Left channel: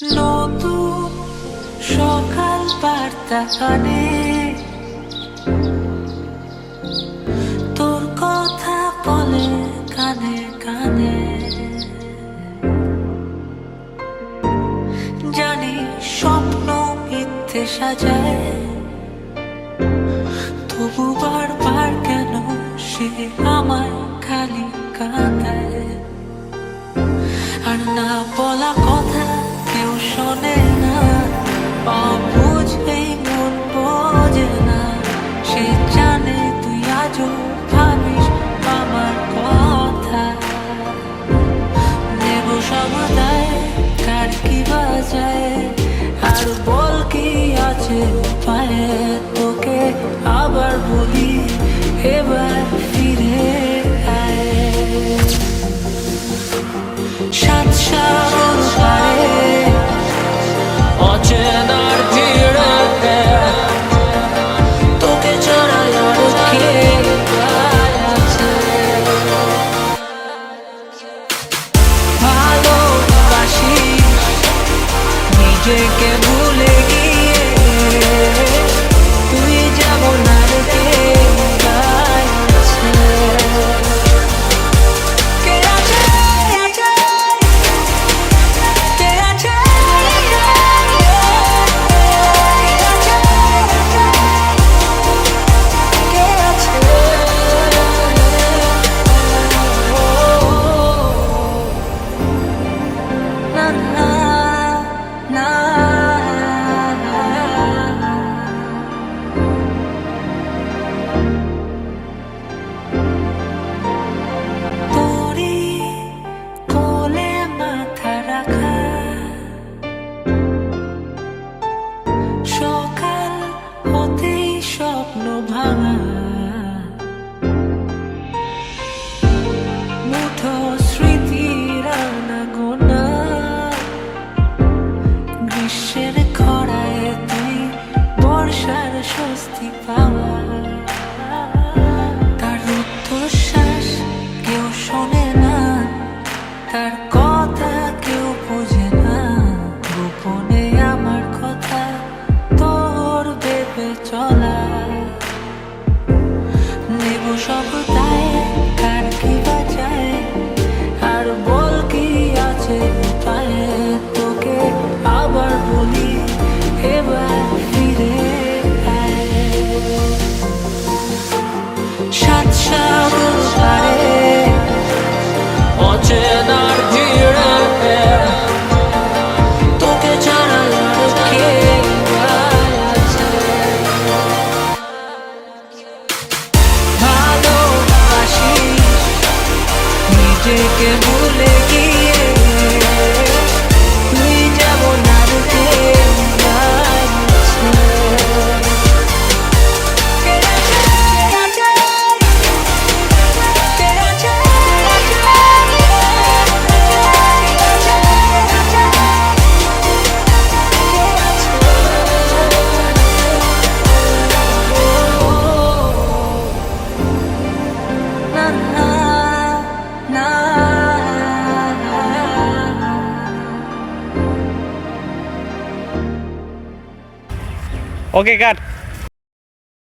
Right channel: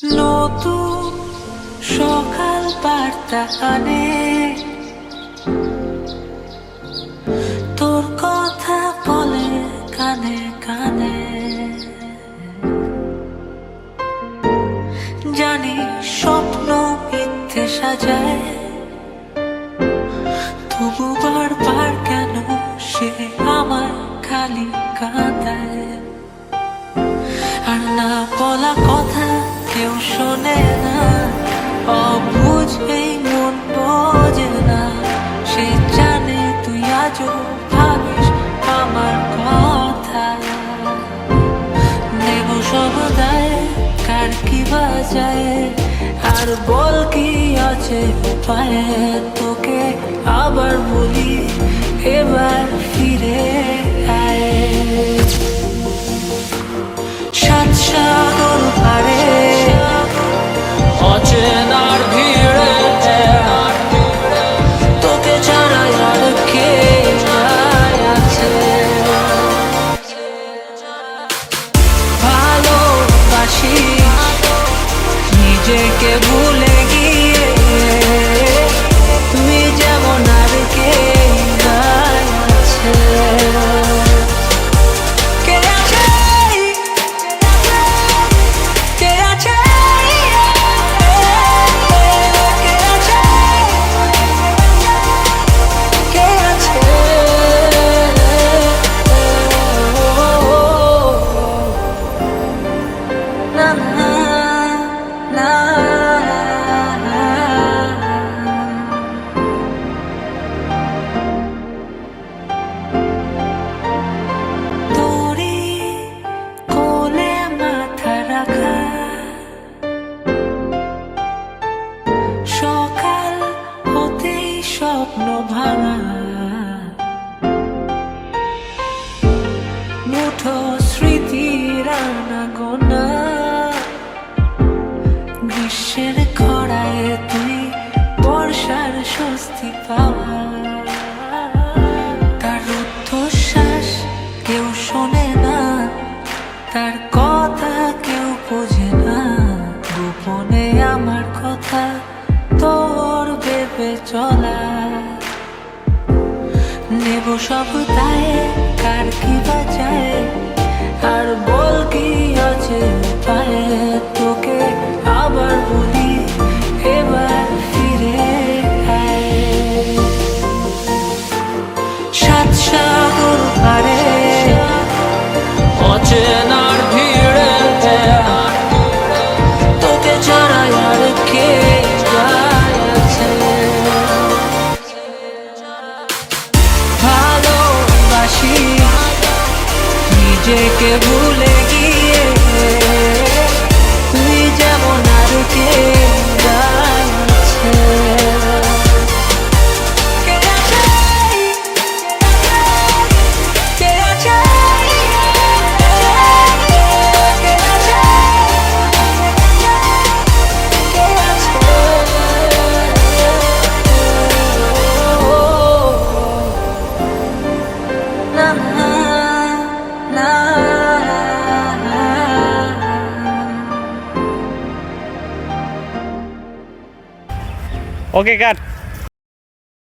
নতুন সকাল বার্তা কানে, তোর কথা বলে কানে কানে। জানি স্বপ্ন মিথ্যে সাজায়, তবু বারবার কেন সে আমায় খালি কাঁদায়। আর না বলা কথা কেউ শোনে না, অবুঝেই মন বোঝে না। সে জানে তুই আজও ভাবিস আমার কথা। নেব সব দায়, আর কি বাজায়, আর বল কি আছে পায়ে। তোকে আবার বলি এবার ফিরে আয়। সাত সাগর পাড়ে অচেনার ভিড়ে, তোকে ছাড়া আর কে আছে। ভালোবাসিস নিজেকে ভুলে গিয়ে, তুই যেমন আর কে আছে। সকাল হতেই স্বপ্ন ভাঙা, মুঠো স্মৃতির আনাগোনা। গ্রীষ্মের খরায় তুই বর্ষার স্বস্তি পাওয়া। তার রুদ্ধশ্বাস কেউ শোনে না, তার কথা কেউ বোঝে না। গোপনে আমার কথা তোর ভেবে চলা। নেব সব দায়, কার কি বাজায়, আর বল কি আছে পায়ে। তোকে আবার বলি এবার ফিরে আয়। সাত সাগর পাড়ে অচেনার ভিড়ে, তোকে ছাড়া আর কে আছে। ভালোবাসিস নিজেকে ভুলে গিয়ে, তুই যেমন আর কে আছে। ওকে কাট।